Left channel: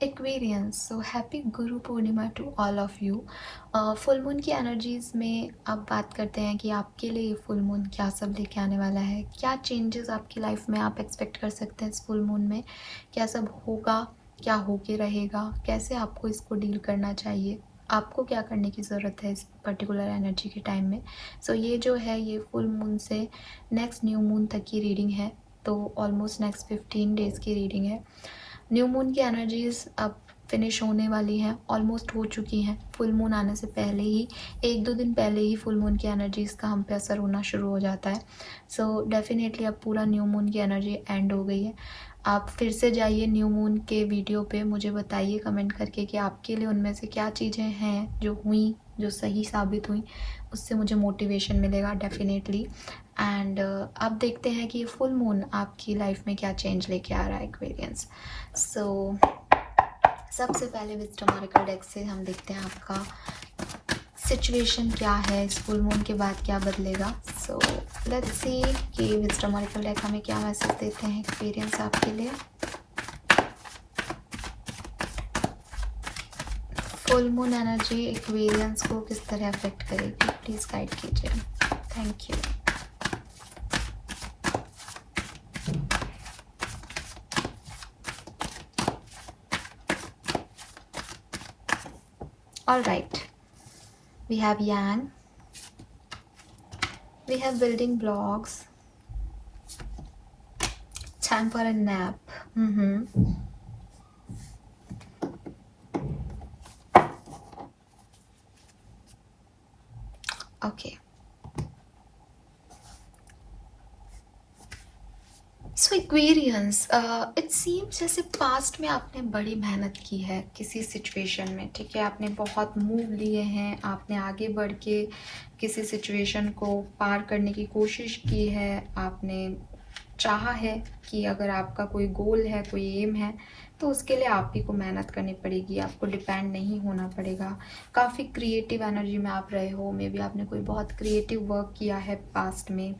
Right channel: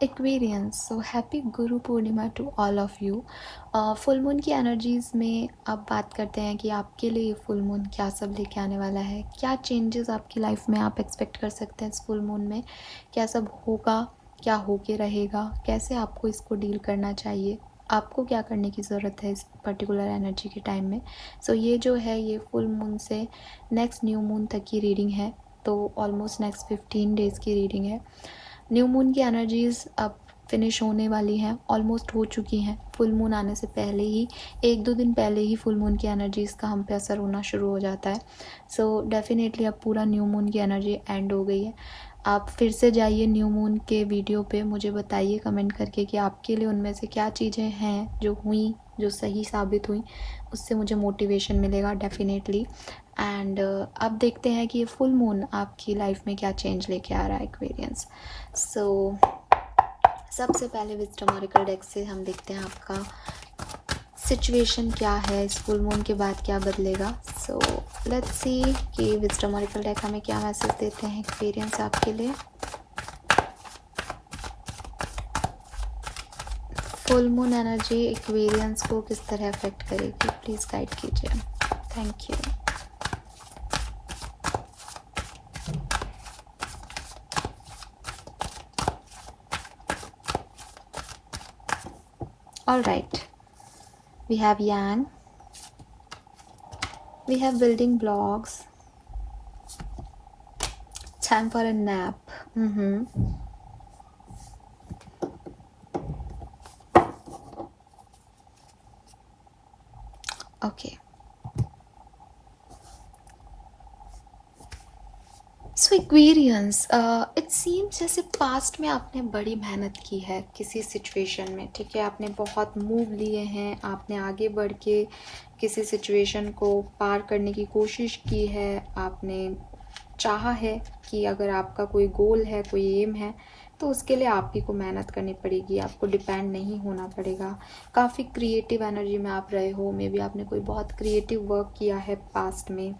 Aquarians, so happy Guru Purnima to all of you. Full moon की energies में अब बात करते हैं कि आपके लिए फुल मून क्या सब लेके आने वाला है, क्या चेंजेस आपकी लाइफ में आप एक्सपेक्ट कर सकते हैं इस फुल मून में, क्या सब होगा, क्या होके रहेगा, कैसे आपको इसको डील करना चाहिए, आपको क्या करने की ज़रूरत है इस पर्टिकुलर एनर्जी के टाइम में। सो ये जो है ये फुल मून से नेक्स्ट न्यू मून तक की रीडिंग है, तो ऑलमोस्ट नेक्स्ट 15 डेज़ की रीडिंग है। न्यू मून की एनर्जीज अब फिनिश होने वाली हैं, ऑलमोस्ट हो चुकी हैं। फुल मून आने से पहले ही, एक दो दिन पहले ही फुल मून की एनर्जीज का हम पे असर होना शुरू हो जाता है। सो डेफिनेटली अब पूरा न्यू मून की एनर्जी एंड हो गई है। आप फिर से जाइए न्यू मून के वीडियो पे, मुझे बताइए कमेंट करके कि आपके लिए उनमें से क्या चीज़ें हैं जो हुई, जो सही साबित हुई, उससे मुझे मोटिवेशन मिलेगा डेफिनेटली। एंड अब देखते हैं कि ये फुल मून आपकी लाइफ में क्या चेंज लेके आ रहा है एक्सपीरियंस। सो सबसे पहले विजडम ऑरेकल डेक से हम देखते हैं आपका सिचुएशन क्या है, इस फुल मून के बाद क्या बदलेगा। सो लेट्स सी कि विजडम ऑरेकल डेक हमें क्या मैसेज देते हैं एक्सपीरियंस आपके लिए। फुल मून एनर्जी एक्वेरियंस को किस तरह अफेक्ट करेगी, प्लीज गाइड कीजिए। Thank you. All right, we have yang, we have building blocks, time for a nap. Okay, so Aquarians, it seems जैसे पास्ट में आपने बड़ी मेहनत की है किसी सिचुएशन में, ठीक है, आपने बहुत मूव लिए हैं, आपने आगे बढ़ के किसी सिचुएशन को पार करने की कोशिश की है, आपने चाहा है कि अगर आपका कोई गोल है, कोई एम है, तो उसके लिए आप ही को मेहनत करनी पड़ेगी, आपको डिपेंड नहीं होना पड़ेगा। काफ़ी क्रिएटिव एनर्जी में आप रहे हो, मे बी आपने कोई बहुत क्रिएटिव वर्क किया है पास्ट में,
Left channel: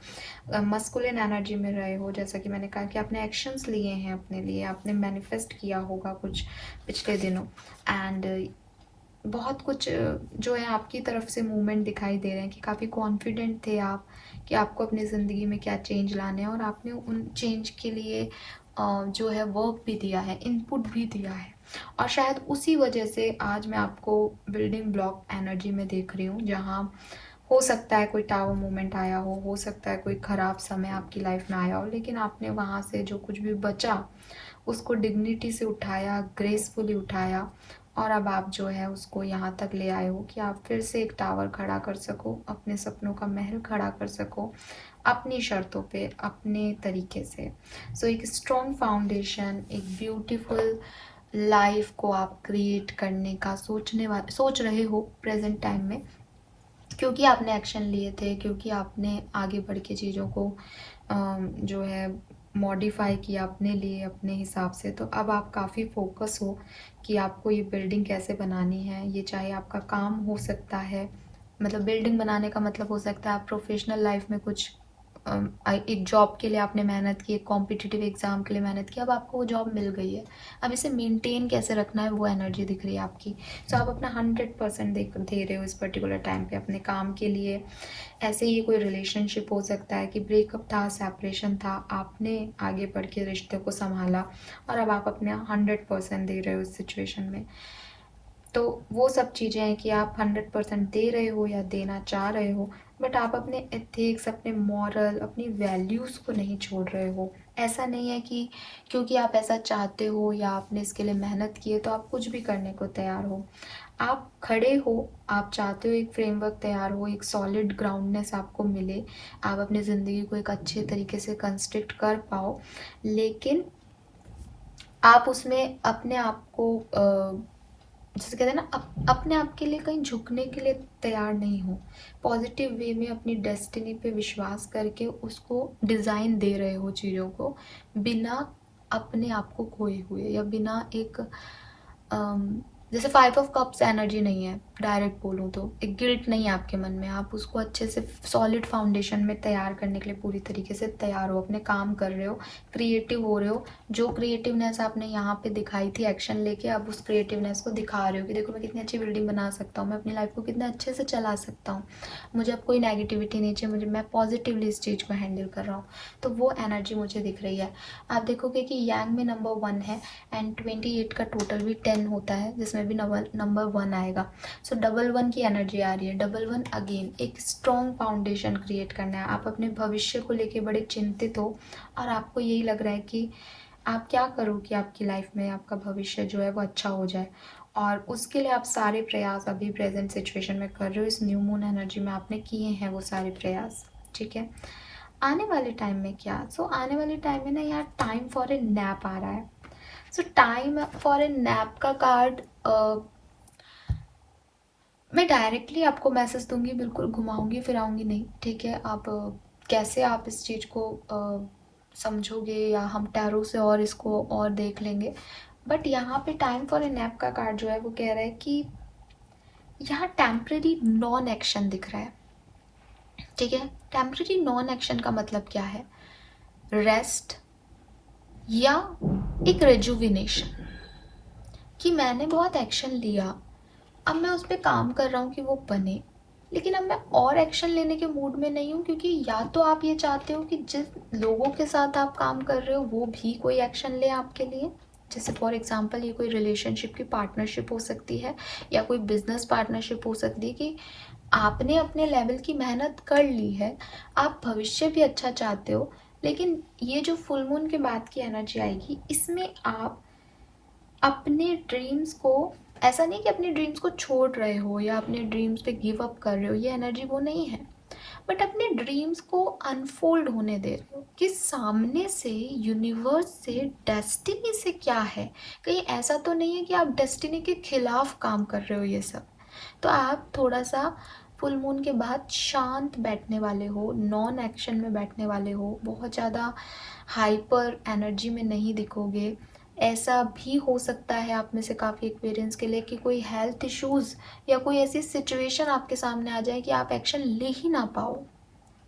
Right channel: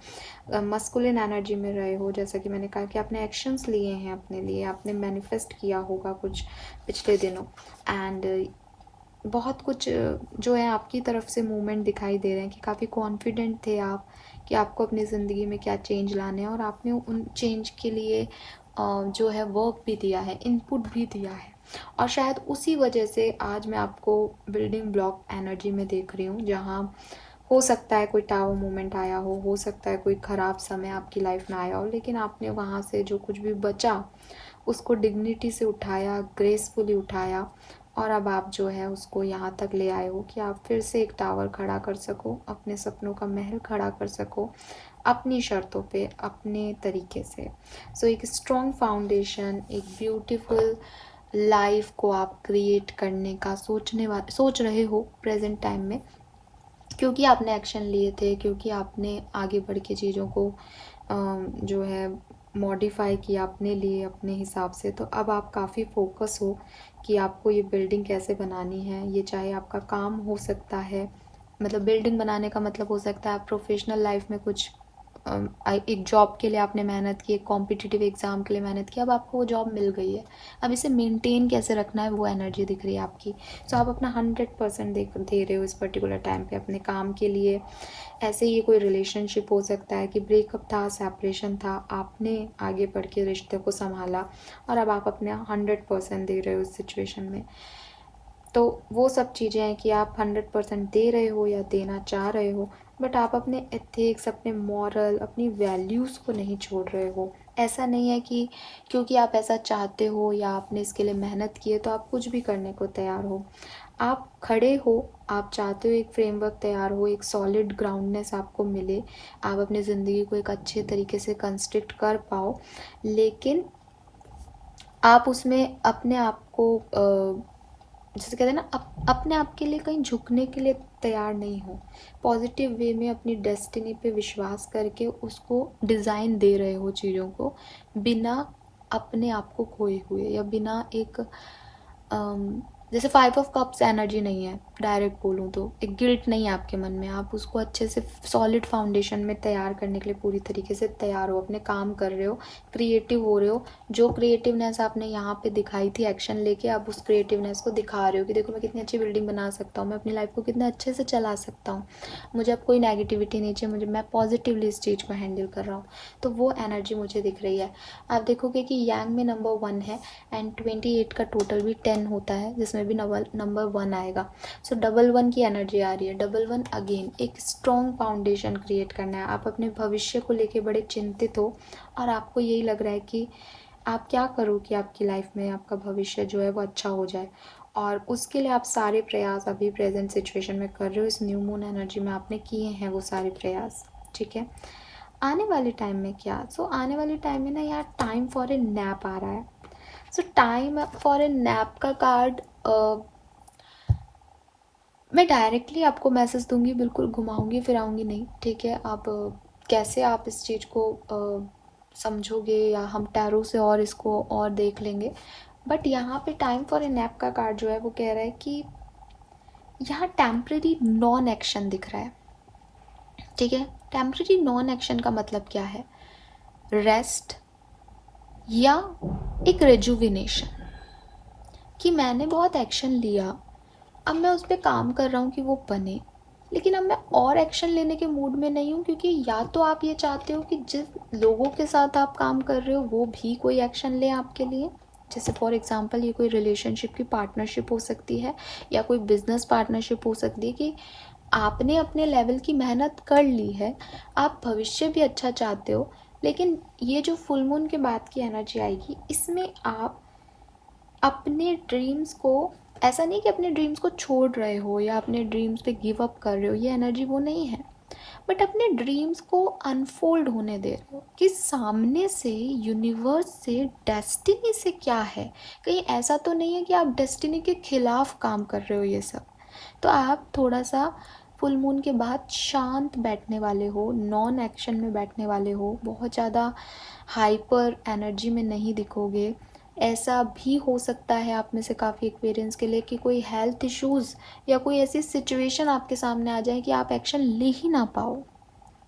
मस्कुलिन एनर्जी में रहे हो, जैसा कि मैंने कहा कि आपने एक्शंस लिए हैं अपने लिए, आपने मैनिफेस्ट किया होगा कुछ पिछले दिनों। एंड बहुत कुछ जो है आपकी तरफ से मूवमेंट दिखाई दे रहे हैं कि काफ़ी कॉन्फिडेंट थे आप कि आपको अपनी ज़िंदगी में क्या चेंज लाने हैं, और आपने उन चेंज के लिए जो है वर्क भी दिया है, इनपुट भी दिया है, और शायद उसी वजह से आज मैं आपको बिल्डिंग ब्लॉक एनर्जी में देख रही हूँ, जहाँ हो सकता है कोई टावर मोमेंट आया हो सकता है कोई ख़राब समय आपकी लाइफ में आया हो, लेकिन आपने वहाँ से जो कुछ भी बचा उसको डिग्निटी से उठाया, ग्रेसफुली उठाया, और अब आप जो है उसको यहाँ तक ले आए हो कि आप फिर से एक टावर खड़ा कर सको, अपने सपनों का महल खड़ा कर सको, अपनी शर्तों पे, अपने तरीके से। सो एक स्ट्रॉन्ग फाउंडेशन, एक ब्यूटीफुल लाइफ को आप क्रिएट करने का सोच रहे हो प्रेजेंट टाइम में, क्योंकि आपने एक्शन लिए थे, क्योंकि आपने आगे बढ़ के चीज़ों को जो है मॉडिफाई किया अपने लिए, अपने हिसाब से। तो अब आप काफ़ी फोकस हो कि आपको ये बिल्डिंग कैसे बनानी है। ये चाहे आपका काम हो सकता है, मतलब बिल्डिंग बनाने का मतलब हो सकता है आप प्रोफेशनल लाइफ में कुछ एक जॉब के लिए आपने मेहनत की, एक कॉम्पिटिटिव एग्ज़ाम के लिए मेहनत की, अब आपको वो जॉब मिल गई है, अब इसे मेंटेन कैसे रखना है वो एनर्जी दिख रही है आपकी। सो आप अपना 100% दे रहे हो इस पर्टिकुलर टाइम पे अपने काम के लिए। ऐसे ही कोई रिलेशनशिप हो सकता है कि ब्रेकअप था, सेपरेशन था, आपने आगे बढ़ के रिश्ते को संभाला, और अब आप अपने 100% दे रहे हो इस सिचुएशन में। तो वो सब चीज़ें हैं कि आप 100% दे रहे हो या देना चाह रहे हो, बट आप अपने एथिक्स, अपने मॉरल, अपनी वैल्यूज़ को नहीं छोड़ रहे हो। ऐसा नहीं है कि क्योंकि आप ऐसा चाहते हो या आपने इसके लिए मेहनत की है तो आप कुछ भी करने को तैयार हो। आप खड़े हो, आप चाहते हो एक फ्रेमवर्क तैयार हो, एक सॉलिड ग्राउंडनेस आपको मिले, आप अपनी ज़िंदगी को एक अच्छे तरीके से कंस्ट्रक्ट कर पाओ, लेकिन आप उसमें अपने आप को जैसे कहते हैं ना, अपने आप के लिए कहीं झुकने के लिए तैयार नहीं हो। पॉजिटिव वे में अपनी डेस्टिनी पे विश्वास करके उसको डिज़ाइन दे रहे हो चीज़ों को, बिना अपने आप को खोए हुए, या बिना एक जैसे 5 ऑफ कप्स एनर्जी नहीं है, डायरेक्ट बोलूँ तो एक गिल्ट नहीं है आपके मन में, आप उसको अच्छे से सॉलिड फाउंडेशन में तैयार करने के लिए पूरी तरीके से तैयार हो, अपने काम कर रहे हो, क्रिएटिव हो रहे हो। जो क्रिएटिवनेस आपने यहाँ पे दिखाई थी एक्शन लेके, आप उस क्रिएटिवनेस को दिखा रहे हो कि देखो मैं कितनी अच्छी बिल्डिंग बना सकता हूँ, मैं अपनी लाइफ को कितने अच्छे से चला सकता हूँ, मुझे अब कोई नेगेटिविटी नहीं चाहिए, मैं पॉजिटिवली इस चीज़ को हैंडल कर रहा हूँ। तो वो एनर्जी मुझे दिख रही है। आप देखोगे कि यांग में नंबर 1 है एंड 28 का टोटल भी 10 होता है, जिसमें भी नंबर 1 आएगा। सो डबल 1 की एनर्जी आ रही है। डबल 1 अगेन एक स्ट्रॉन्ग फाउंडेशन क्रिएट करना है। आप अपने भविष्य को लेके बड़े चिंतित हो और आपको यही लग रहा है कि आप क्या करो कि आपकी लाइफ में आपका भविष्य जो है वो अच्छा हो जाए, और उसके लिए आप सारे प्रयास अभी प्रेजेंट सिचुएशन में कर रहे हो। इस न्यू मून एनर्जी में आपने किए हैं वो सारे प्रयास, ठीक है। आने वाले टाइम में क्या, आने वाले टाइम में ना यार टाइम फॉर ए नैप आ रहा है। टाइम फॉर ए नैप का कार्ड मैं डायरेक्टली आपको मैसेज दूंगी, बिल्कुल घुमाऊंगी फिराऊंगी नहीं, ठीक है। आप कैसे आप इस चीज़ को समझोगे या हम टैरो से और इसको और देख लेंगे। बट यहाँ पे टाइम फॉर ए नैप का कार्ड जो है वो कह रहा है कि यहाँ टेम्परेरी नॉन एक्शन दिख रहा है, ठीक है। टेम्परेरी नॉन एक्शन का मतलब क्या है, रेस्ट या एक रेजुविनेशन, कि मैंने बहुत एक्शन लिया, अब मैं उस पर काम कर रहा हूँ कि वो बने, लेकिन अब मैं और एक्शन लेने के मूड में नहीं हूँ, क्योंकि या तो आप ये चाहते हो कि जिस लोगों के साथ आप काम कर रहे हो वो भी कोई एक्शन ले आपके लिए। जैसे फॉर एग्जांपल ये कोई रिलेशनशिप की पार्टनरशिप हो सकती है या कोई बिजनेस पार्टनरशिप हो सकती है, कि आपने अपने लेवल की मेहनत कर ली है, आप भविष्य भी अच्छा चाहते हो, लेकिन ये जो फुल मून के बाद की एनर्जी आएगी इसमें आप अपने ड्रीम्स को, ऐसा नहीं कि अपने ड्रीम्स को छोड़ रहे हो या अपने ड्रीम्स पे गिव अप कर रहे हो, ये एनर्जी वो नहीं है, बट अपने ड्रीम्स को अनफोल्ड होने दे रहे हो कि सामने से यूनिवर्स से डेस्टिनी से क्या है। कहीं ऐसा तो नहीं है कि आप डेस्टिनी के खिलाफ काम कर रहे हो ये सब। तो आप थोड़ा सा फुल मून के बाद शांत बैठने वाले हो, नॉन एक्शन में बैठने वाले हो, बहुत ज़्यादा हाइपर एनर्जी में नहीं दिखोगे। ऐसा भी हो सकता है आप में से काफ़ी एक्सपीरियंस के लिए कि कोई हेल्थ इश्यूज़ या कोई ऐसी सिचुएशन आपके सामने आ जाए कि आप एक्शन ले ही ना पाओ,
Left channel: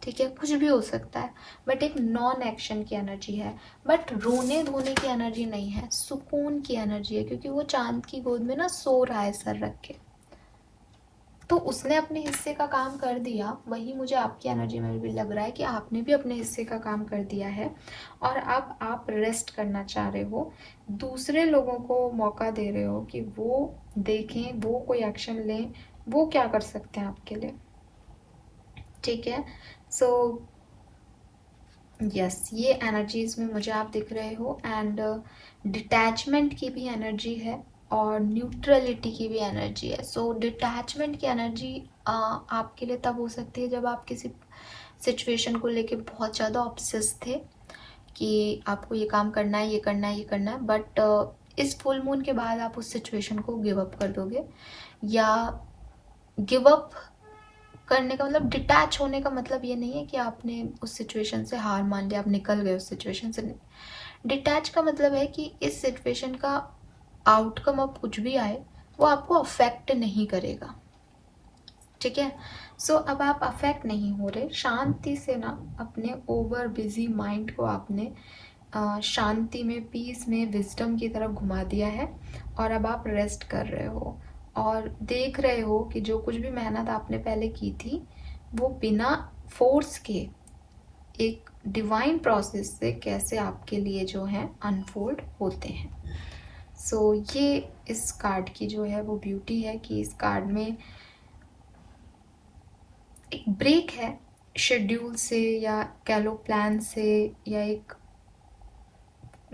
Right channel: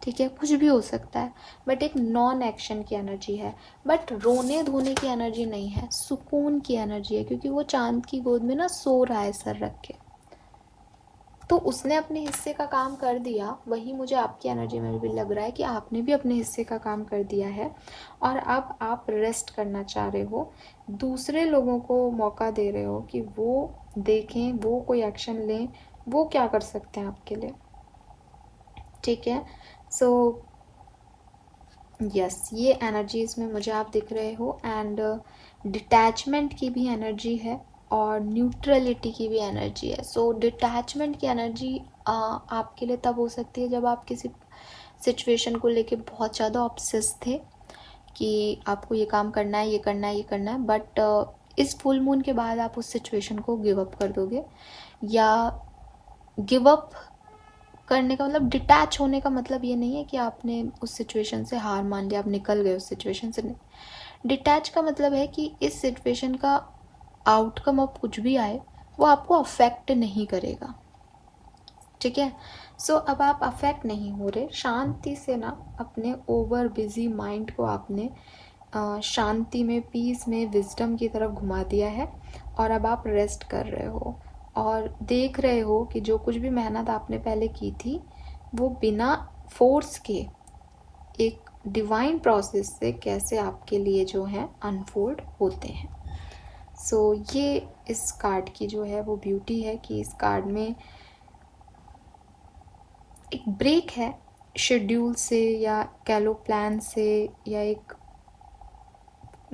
ठीक है, कुछ भी हो सकता है। बट एक नॉन एक्शन की एनर्जी है, बट रोने धोने की एनर्जी नहीं है, सुकून की एनर्जी है, क्योंकि वो चांद की गोद में ना सो रहा है सर रख के, तो उसने अपने हिस्से का काम कर दिया। वही मुझे आपकी एनर्जी में भी लग रहा है कि आपने भी अपने हिस्से का काम कर दिया है और अब आप रेस्ट करना चाह रहे हो, दूसरे लोगों को मौका दे रहे हो कि वो देखें, वो कोई एक्शन लें, वो क्या कर सकते हैं आपके लिए, ठीक है। सो यस, ये एनर्जीज में मुझे आप दिख रहे हो, एंड डिटैचमेंट की भी एनर्जी है और न्यूट्रलिटी की भी एनर्जी है। सो डिटैचमेंट की एनर्जी आपके लिए तब हो सकती है जब आप किसी सिचुएशन को लेके बहुत ज़्यादा ऑब्सेस थे कि आपको ये काम करना है, ये करना है, ये करना है, बट इस फुल मून के बाद आप उस सिचुएशन को गिव अप कर दोगे। या गिव अप करने का मतलब, डिटैच होने का मतलब ये नहीं है कि आपने उस सिचुएशन से हार मान लिया, आप निकल गए उस सिचुएशन से, नहीं। डिटैच का मतलब है कि इस सिचुएशन का आउटकम अब कुछ भी आए वो आपको अफेक्ट नहीं करेगा, ठीक है। सो अब आप अफेक्ट नहीं हो रहे, शांति से ना अपने ओवर बिजी माइंड को आपने शांति में, पीस में, विजडम की तरफ घुमा दिया है, और अब आप रेस्ट कर रहे हो और देख रहे हो कि जो कुछ भी मेहनत आपने पहले की थी वो बिना फोर्स के एक डिवाइन प्रोसेस से कैसे आपके लिए जो है अनफोल्ड होते हैं। सो ये इस कार्ड की जो है वो ब्यूटी है कि इस कार्ड में एक ब्रेक है शेड्यूल से, या कह लो प्लान से, या एक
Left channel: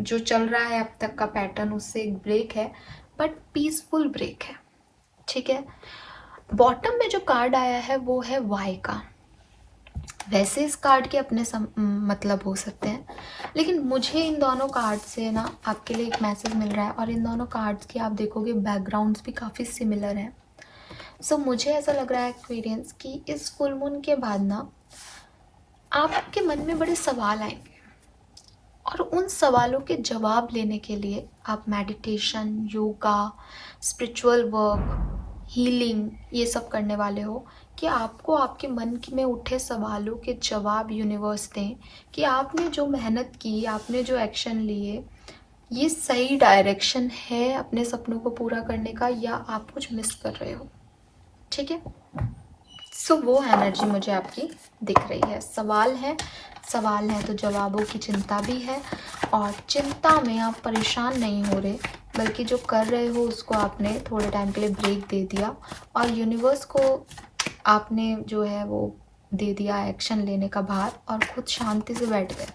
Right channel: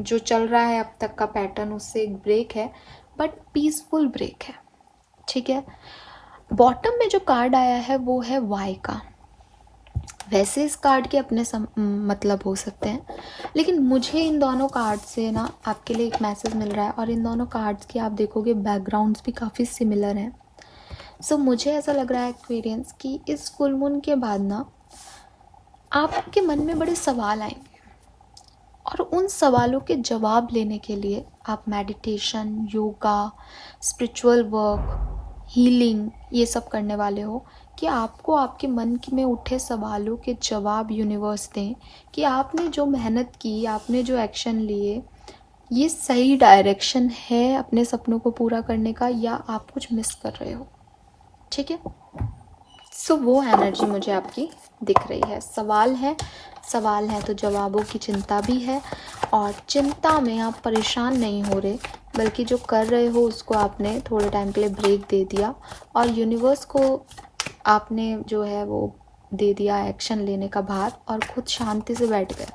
जो चल रहा है अब तक का पैटर्न उससे एक ब्रेक है, बट पीसफुल ब्रेक है, ठीक है। बॉटम में जो कार्ड आया है वो है वाई का। वैसे इस कार्ड के अपने मतलब हो सकते हैं, लेकिन मुझे इन दोनों कार्ड से ना आपके लिए एक मैसेज मिल रहा है, और इन दोनों कार्ड्स की आप देखोगे बैकग्राउंड्स भी काफ़ी सिमिलर हैं। सो मुझे ऐसा लग रहा है एक्सपीरियंस कि इस फुल मून के बाद ना आपके मन में बड़े सवाल आएंगे, और उन सवालों के जवाब लेने के लिए आप meditation, yoga, spiritual work, healing ये सब करने वाले हो, कि आपको आपके मन में उठे सवालों के जवाब यूनिवर्स दें कि आपने जो मेहनत की, आपने जो एक्शन लिए, ये सही डायरेक्शन है अपने सपनों को पूरा करने का, या आप कुछ मिस कर रहे हो। ठीक है, सो वो एनर्जी मुझे आपकी दिख रही है। सवाल है तो जवाबों की चिंता भी है, और चिंता में आप परेशान नहीं हो रहे, बल्कि जो कर रहे हो उसको आपने थोड़े टाइम के लिए ब्रेक दे दिया, और यूनिवर्स को आपने जो है वो दे दिया एक्शन लेने का भार, और खुद शांति से बैठ गए।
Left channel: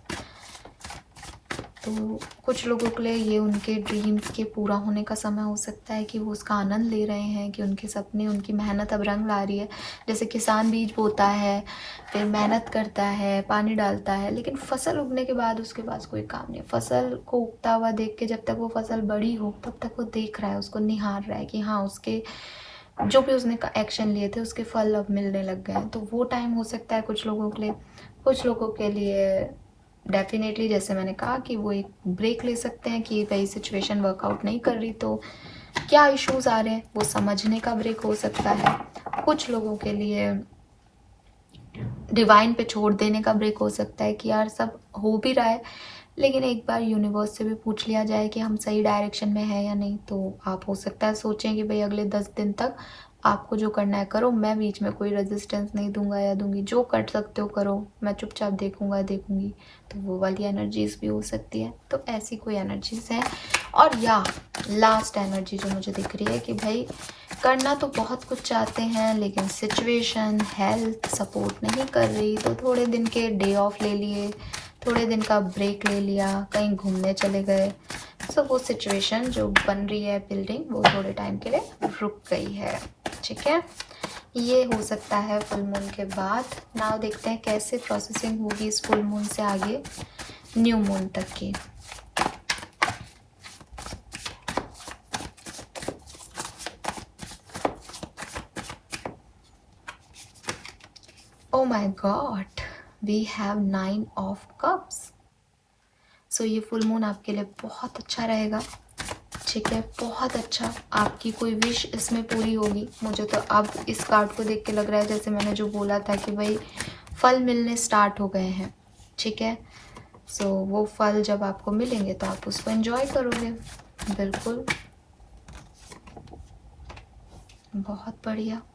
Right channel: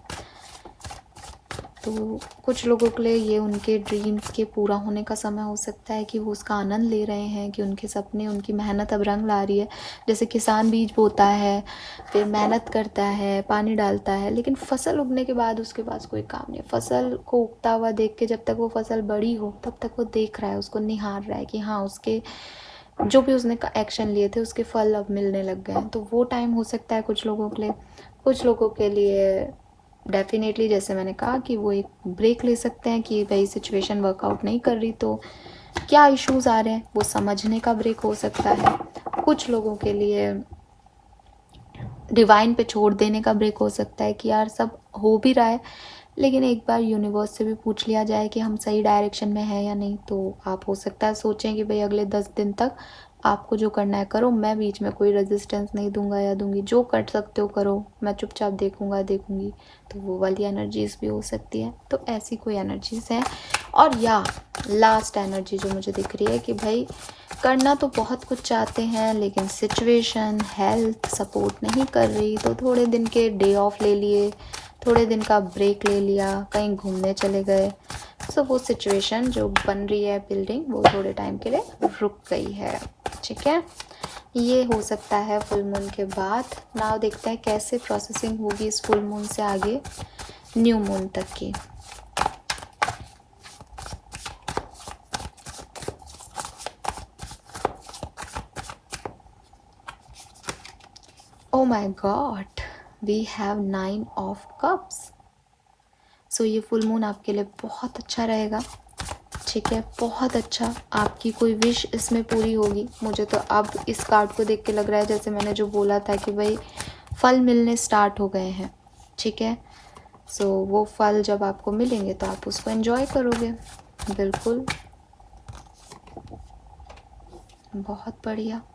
तो कुछ लोगों के लिए ये उनके ड्रीम्स के पूरा होने का समय हो सकता है, कि वो उसका आनंद ले रहे हैं, कि उनके सपने, उनकी मेहनत अब रंग ला रही है। जैसे किसान बीज बोता है, फिर मेहनत करता है, पानी डालता है, लेकिन फसल उगने के बाद उसके पास कोई काम नहीं है। फसल को उगता हुआ देख के जब तक वो फसल बड़ी हो तब तक वो देख रहा है, उसको निहार रहा है कि हाँ, उसके जो भी उसने एक्शन लिए थे उसके फल अब मिलने लग गए हैं। तो वो टाइम हो सकता है कुछ लोगों के लिए। कुछ लोगों के लिए डेफिनेटली, जैसे मैंने कहा, कि वो एक ब्रेक ले सकते हैं कि भाई सिचुएशन वर्कआउट नहीं कर रही तो क्या इश्यूज आ रहे हैं, वो समझने का ब्रेक हो सकता है। कुछ लोगों के लिए डिवाइन पे छोड़ देने का ब्रेक हो सकता है, कि यार सब हो भी रहा है, लेकिन एक बार यूनिवर्स से भी पूछ लिया जाए कि हम सही डायरेक्शन में हैं या नहीं। तो आप हो सकता है सोचें कि भाई अगले 10 दिन तक आपको जो करना है करो, मैं बीच में कोई रेजिस्टेंस नहीं दूंगा या दूंगी, जो कर सकते हो करो, मैं चुपचाप देखूंगी। तो वो वाली एनर्जीज भी हो सकती है। तो ऐसी कोई एनर्जीज है। और या लास्ट एनर्जी जो मुझे दिख रही है कि भाई करना तो बहुत कुछ चाहते हैं, लेकिन सिचुएशन, हेल्थ सपोर्ट नहीं कर रही, तो थोड़े दिन के डे ऑफ ले लिए, थोड़े दिन का ब्रेक ले लिया, कहीं घूमने चले गए। सो वो सिचुएशन जो बन रही है बिल्डिंग, वो थोड़े टाइम के लिए रुक गई है। ठीक है, ये हो सकता है फुल मून के बाद। नाउ देखते हैं कैसे प्रोसेसिंग होगी इस फुल मून से आगे न्यू मून तक की। Oh my God, we have 9 of Cups. सो ये फुल मून आपके लिए बहुत अच्छा रहेगा। ठीक है, बहुत अच्छा। आपकी कोई विश इसमें पूरी होगी। मुझे तो अब इस कार्ड को देख के लग रहा है जैसे मैंने जो बोला था कि भाई फल मिलने स्टार्ट हो गए हैं। ठीक है, सो वो फल जब आपको मिलेंगे तो आप उसको एंजॉय करोगे। बिल्कुल, बहुत बढ़िया।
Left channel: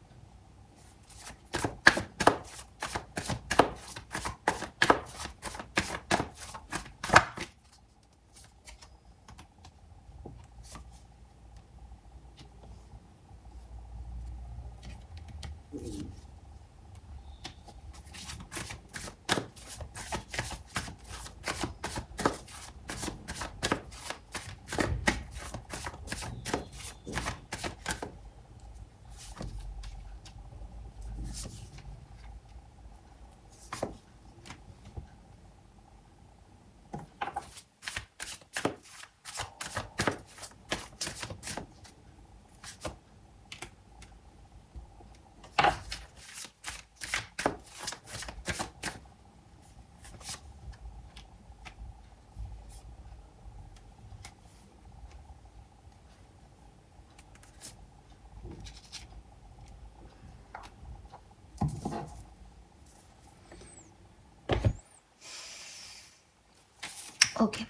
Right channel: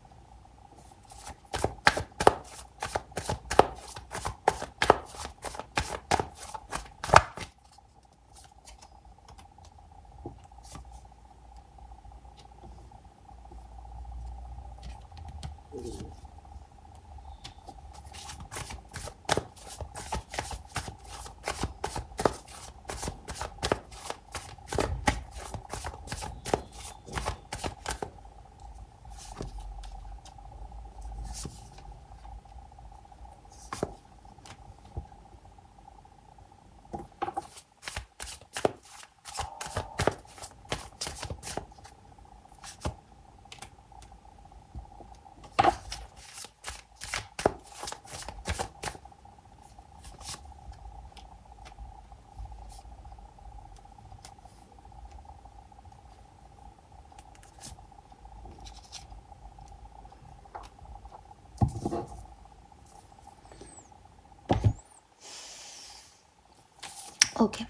ओके,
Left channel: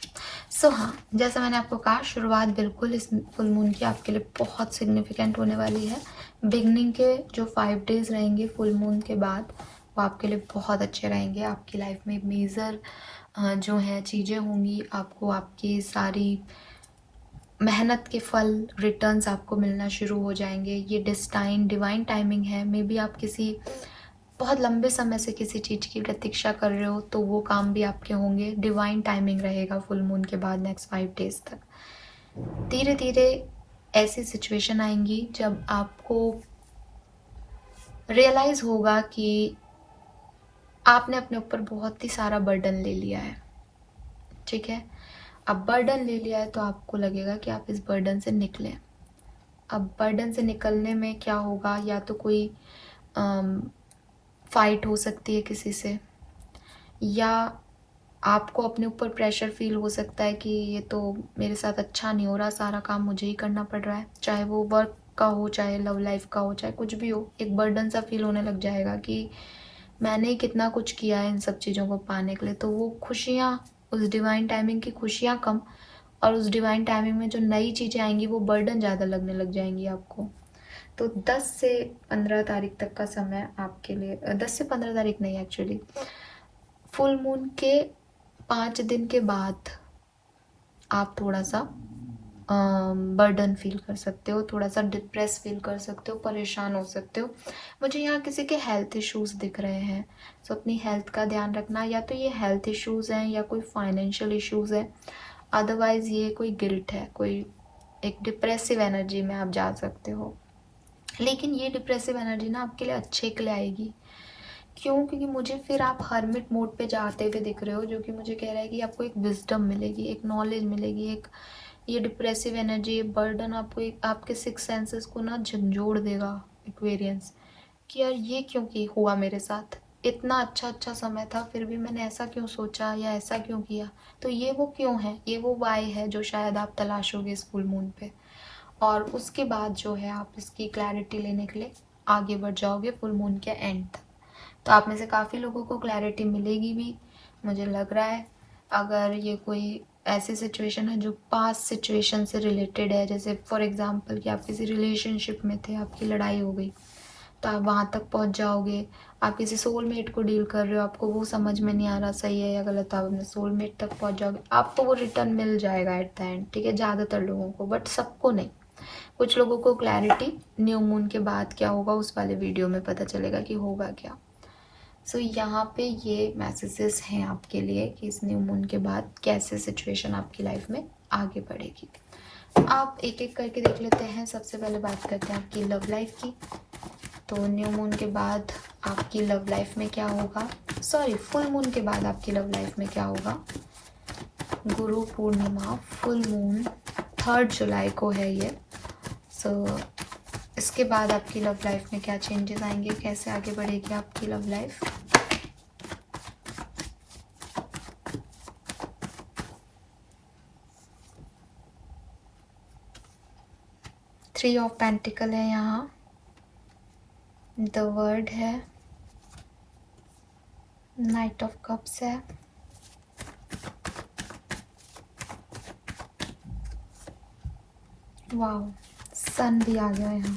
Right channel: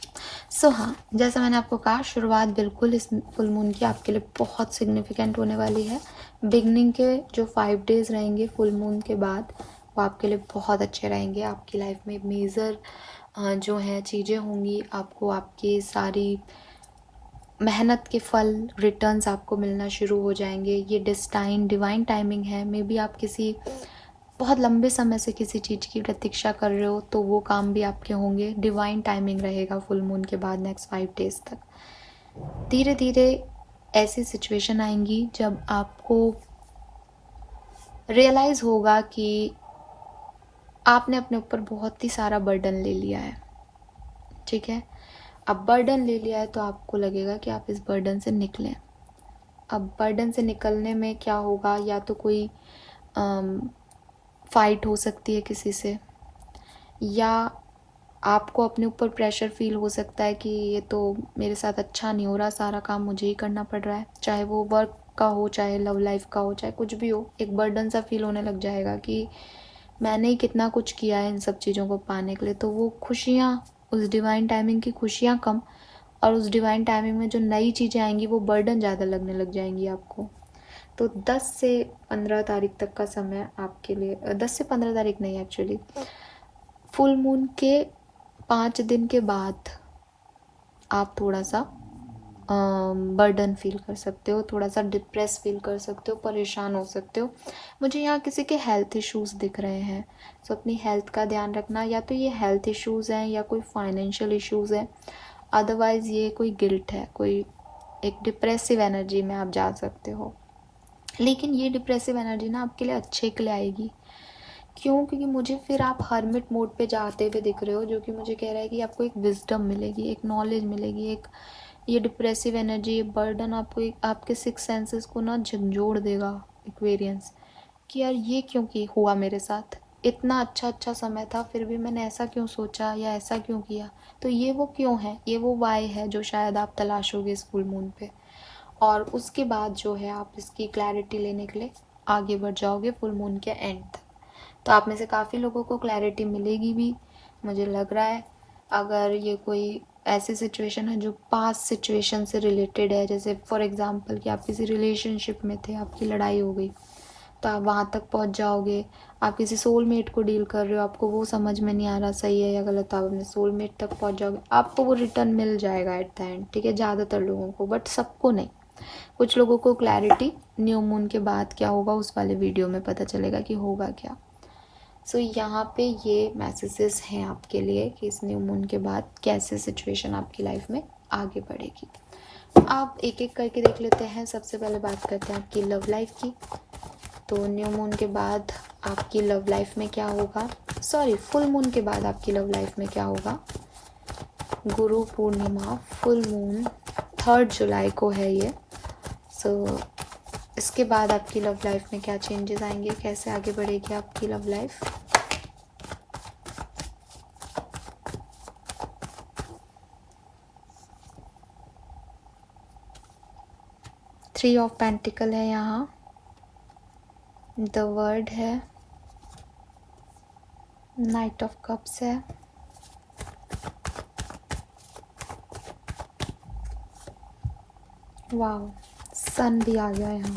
सो हाँ, जैसे मैंने आपको कहा, शुरुआत बिल्कुल इस फुल मून की आपके लिए बहुत सिग्निफिकेंट होने वाली है। बिगनिंग के जो 5 डेज रहेंगे फुल मून के बाद, वो आपके लिए बहुत अच्छे रहेंगे। आपकी लाइफ में मेजर जो है चीज़ें होंगी, आपको आपकी सारी मेहनत के फल, रिटर्न्स आपको मिलना शुरू हो जाएंगे। ये डिवाइन टाइमिंग है। मे बी आप किसी बहुत लंबे समय से किसी चीज़ की प्रतीक्षा कर रहे हो, तो वो काम भी आपके होंगे। डिवाइन टाइमिंग रहेगा फुल मून के बाद नेक्स्ट 5 डेज तक। धीरे धीरे ऐसी सिचुएशन आएंगी जब आपको रियलाइज होगा कि आपने अपने ऊपर बहुत ही सारा बर्डन ले लिया है। ठीक है, अब बर्डन ले लिया है तो आपको लगेगा कि आप इस बर्डन से निकलें। अब बर्डन से निकलने में क्या होगा, या तो कोई फाइट हो सकती है किसी से, या आपको अपने ऊपर प्रेशर फील हो सकता है कि ये तो मेरे साथ अच्छा नहीं हो रहा, सारा काम मुझे ही करना पड़ रहा है, चाहे वो वर्क का हो, चाहे लव लाइफ का हो, चाहे कुछ भी हो। एक बर्डन सा फील होने लग जाएगा कि मैंने ही कितना कुछ किया है इन सब चीज़ों को पाने के लिए। तो वो खुशियाँ, उस डिवाइन टाइमिंग की खुशियाँ कम, और उस डिवाइन टाइमिंग में जो नई चीज़ें आएंगी वो बर्डन ज़्यादा लगने लग जाएंगी आपको। तो 10 से 15 तारीख तक का समय आपके लिए, 10 से 15 तारीख नहीं एक्चुअली, फुल मून के 5 दिन के बाद आप थोड़ा सा बर्डन फील कर सकते हो, थोड़ा सा डिप्रेस फील कर सकते हो, परेशान हो सकते हो। मुझे यहाँ किसी के हेल्थ इश्यूज दिख रहे हैं, तो अपनी हेल्थ का ध्यान रखना। या तो ये हेल्थ इश्यूज हैं या कोई फाइनेंशियल इश्यूज है, अदरवाइज ये कोई गिल्ट है, कोई एक डिप्रेसिव एनर्जी में आप जा सकते हो। लेकिन ये डिप्रेसिव एनर्जी ना आपके लिए अच्छे के लिए आएगी। क्यों? क्योंकि मुझे फिर आप हर्मिट मोड पे जाते हुए दिख रहे हो, जो कि मुझे कह रहा है कि आपको एक विजडम मिलेगी, एक नॉलेज मिलेगी। एक ये डिप्रेसिव एनर्जी, ये बर्डन आपको आपके सिक्स सेंसेस को ना झंझोड़ देगा, एक्वेरियंस, कि यार ये क्यों की हुआ मेरे साथ, इतना अच्छा अच्छा समय था फिर भी मैंने ऐसा क्यों सोचा या ऐसा क्यों किया। तो ये वो क्यों है, ये वो वाई है जो शायद आप तलाशोगे इस फुल मून पे। और उसके बाद जो है आप इसकी क्लैरिटी लेने के लिए आगे बढ़ जाओगे फुल मून के एंड तक। तो आप में से काफ़ी लोगों को क्लैरिटी मिलेगी भी, मुझे लग रहा है। अगर ये कोई ऐसी सिचुएशन है जो पास्ट सिचुएशन से रिलेटेड है, जैसे फॉर एग्जांपल कि आप किसी रिलेशनशिप में थे, आपकी लड़ाई हो गई, तो आप वहाँ तक पहुँच जाओगे। आप किसी सोलमेट को डील कर रहे हो, आपको वो समझ में नहीं आ रहा सही है या गलत, आप अपने सोलमेट तक पहुँच जाओगे, आपको वो रिटर्न मिल जाएगा एट द एंड, ठीक है। ज़्यादातर लोगों को, बट सबको नहीं। कुछ लोगों को क्लैरिटी न्यू मून के बाद क्या होगा उस वाले वीडियो में पता चलेगा कि होगा क्या। सो यहाँ पे ये मैसेजेस हैं आपके लिए कि इस न्यू मून के बाद कैसे सिचुएशन आपकी लाइफ में आगे बढ़ेगी। आप एक एक करके देख लेते हैं। सबसे पहले बात करते हैं आपकी लव लाइफ की। तो न्यू मून के बाद आपकी लव लाइफ में क्या होगा, सॉरी फुल मून के बाद आपकी लव लाइफ में क्या होगा। गुरु पूर्णिमा, फुल मून 3 जुलाई को है ये। सो इसके बाद आपकी लव लाइफ में क्या चेंजेस आएंगे, कैसे आगे बढ़ेगी आपकी love life. Three of pentacle है यहाँ, द वर्ड है, नाइट ऑफ कप्स है, वाव, सन भी आ गया यहाँ।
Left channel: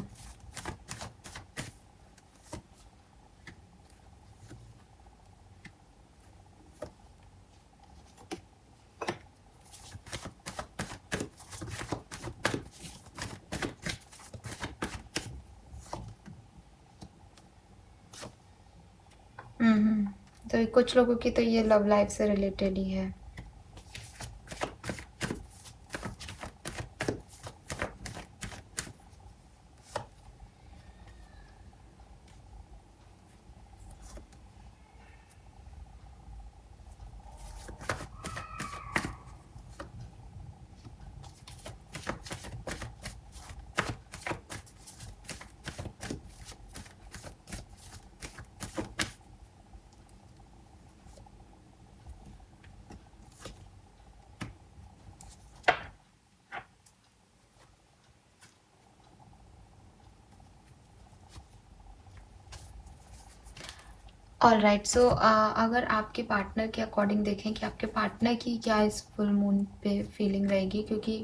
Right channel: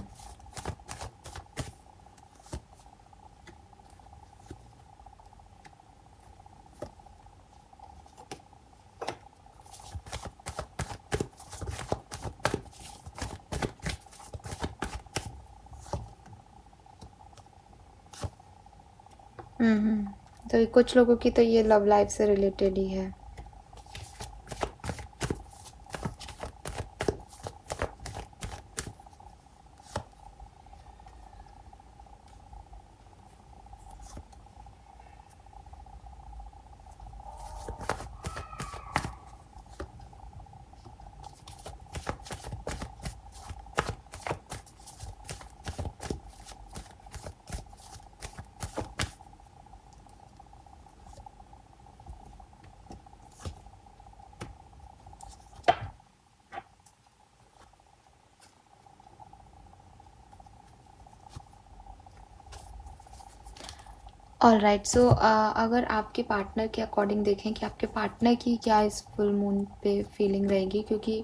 तो कुछ लोगों की तो ये लव लाइफ से रिलेटेड ही है। ऑलराइट, सो अगर आपके पार्टनर के अकॉर्डिंग देखें कि आपके पार्टनर की क्या इस फुल मून पे फीलिंग रहेगी, क्योंकि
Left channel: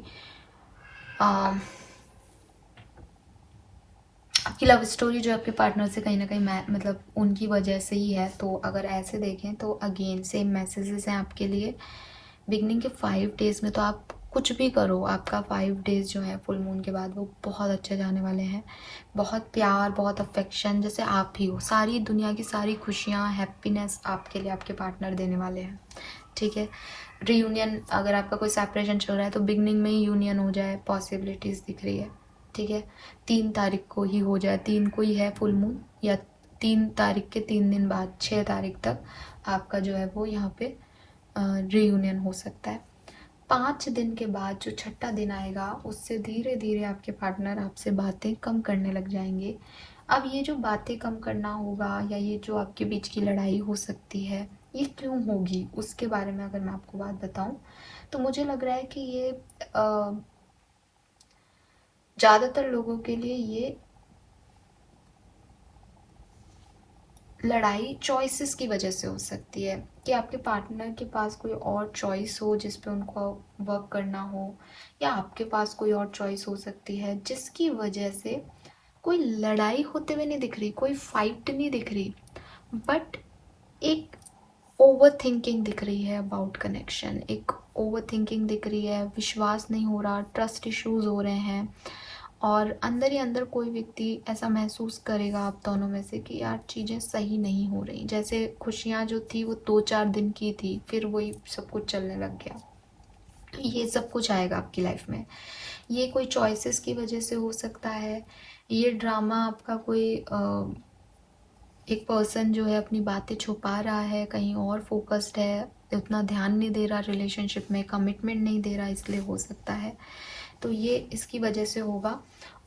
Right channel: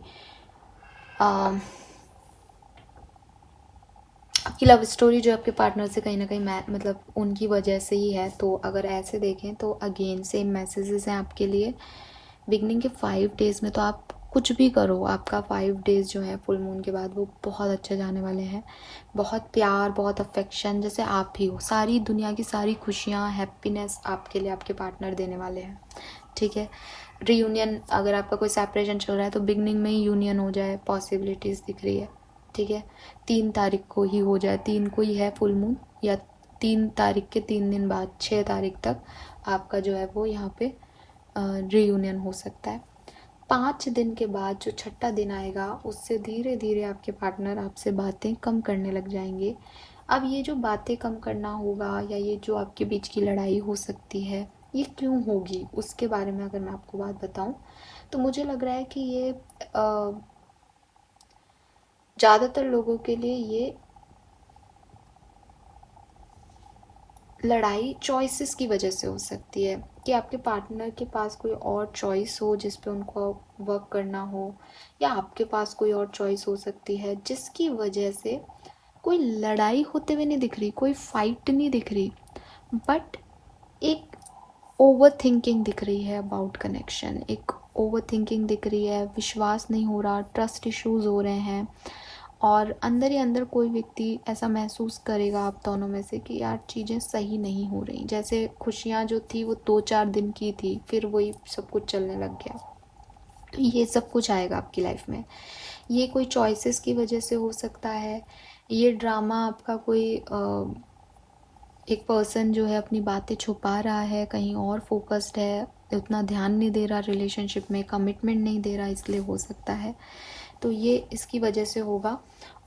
आपकी लव स्टोरी जो आपके पार्टनर से कहीं ना कहीं मतलब उनकी वजह से ही है। तो अगर ऐसे देखें तो अगेन सेम मैसेजेस हैं आपके लिए। बिगनिंग के 5 डेज में तो आप कुछ भी करो, आपका 5 डेज जो है फुल मून के बाद वो बहुत अच्छे जाने वाले हैं। बहुत प्यार, बहुत अफेक्शन, जैसे आप ही हो, सारी दुनिया की सारी खुशियाँ, हैप्पीनेस आपके लिए आपके पार्टनर देने वाले हैं, ठीक है। रीयूनियन, अगर आपका कोई सेपरेशन चल रहा है तो बिगनिंग में ही यूनियन हो जाए, पॉसिबिलिटीज़ दिख रही है, ठीक है। 3 तारीख को ही हो जाए, 3 को ही है फुल मून, या 3 तारीख के 3 दिन बाद 6 तारीख तक आपका जो है वो यहाँ पे रीयूनियन हो सकता है। 5 दिन के बाद जो छठा दिन आएगा उससे धीरे धीरे आपके पार्टनर आपसे बातें कम करने लग जाएंगे। अब ये जो बातें कम करना होगा या ये जो आपके बीच की लड़ाई हो सकती है, ये क्यों होगी, उसके बारे में अगर मैं आपको बात बताऊं तो मुझे लग रहा है कि ये ज़्यादातर लोगों के लिए ये लड़ाई चॉइसेस की वजह से हो सकती है, कि आपके पार्टनर के पास कोई और चॉइस हो जिस पे उनको वर्क करना हो, या आपके पास कोई और चॉइस हो सकती है जिसकी वजह से कोई लड़ाई होते हुए नहीं दिख रही, कोई फाइट नहीं दिख रही, बट एक ओवर थिंकिंग दिख रही है अबाउट कनेक्शन, एक ओवर थिंकिंग दिख रही है, विश्वास नहीं हो रहा, ट्रस्ट इश्यूज हो रहे हैं, और अंदर ही अंदर कोई व्यक्ति ऐसा महसूस करेगा आप दोनों में से कि यार चीज़ें सही नहीं हो रही, जैसे खुशियाँ जो थी वो 2-4 दिन की थी, फिर वही सब कुछ चलने लग गया। तो ये सब कुछ आएगा आपकी लाइफ में, ये कोई चॉइसेस की वजह से हो सकता है, ये ड्रामा आपका कोई एक पर्सन जो है अपनी बातें छुपा रहा है, कहीं और फोकस्ड है, उतना ध्यान नहीं दे रहा रिलेशनशिप में, कमिटमेंट नहीं दे रहा, इसलिए हो सकता है। तो ये इसकी वजह से होगा।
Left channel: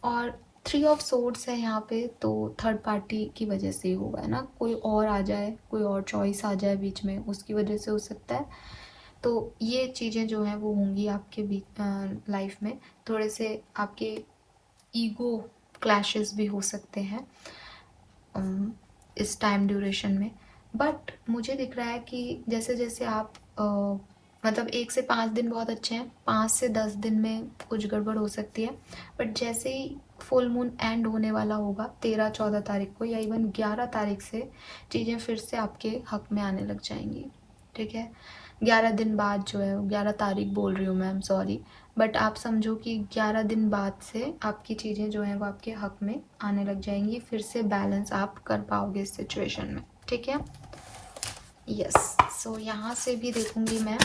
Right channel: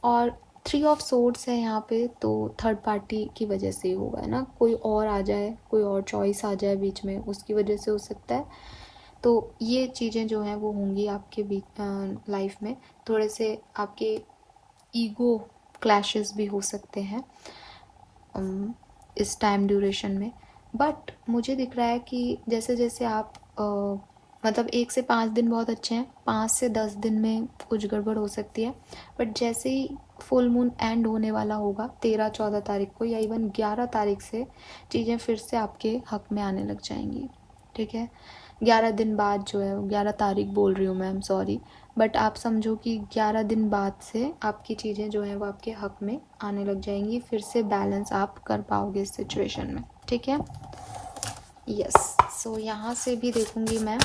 और 3 ऑफ सोर्ड्स है यहाँ पे, तो थर्ड पार्टी की वजह से ही होगा, है ना, कोई और आ जाए, कोई और चॉइस आ जाए बीच में, उसकी वजह से हो सकता है। तो ये चीज़ें जो हैं वो होंगी आपके बीच लाइफ में, थोड़े से आपके ईगो क्लैशेस भी हो सकते हैं इस टाइम ड्यूरेशन में। बट मुझे दिख रहा है कि जैसे जैसे आप मतलब 1 से 5 दिन बहुत अच्छे हैं, 5 से 10 दिन में कुछ गड़बड़ हो सकती है, बट जैसे ही फुल मून एंड होने वाला होगा 13-14 तारीख को, या इवन 11 तारीख से चीज़ें फिर से आपके हक में आने लग जाएंगी। ठीक है, 11 दिन बाद जो है, 11 तारीख बोल रही हूँ मैम, सॉरी, बट आप समझो कि 11 दिन बाद से आपकी चीज़ें जो हैं वो आपके हक में आने लग जाएंगी, फिर से बैलेंस आप कर पाओगे इस सिचुएशन में। ठीक है, यस। सो यहाँ से भी देखूंगी मैं,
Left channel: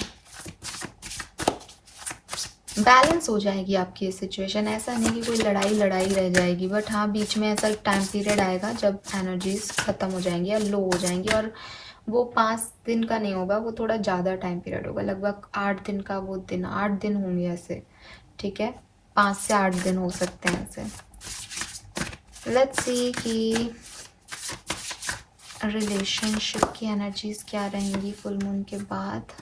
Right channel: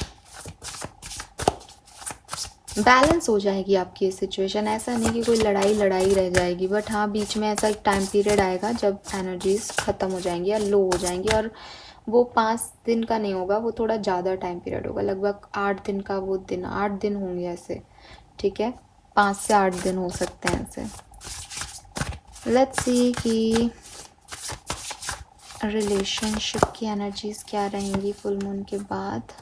बैलेंस हो जाएगी आपकी सिचुएशन, ऐसा नहीं कि कोई लड़ाई लड़ाई रह जाएगी, बट हाँ बीच में ऐसा टाइम पीरियड आएगा जब एनर्जीज खत्म हो जाएंगी या लो हो जाएंगी, और वो 5 दिन का नहीं होगा, वो थोड़ा ज़्यादा टाइम पीरियड होगा, लगभग 8 दिन का, वो दिन 8 दिन होंगे ऐसे। ठीक है, 5 से 8 दिन हो सकते हैं ऐसे। लेट्स सी कि रिलेशनशिप की एनर्जीज क्या रहेंगी फुल मून के बाद।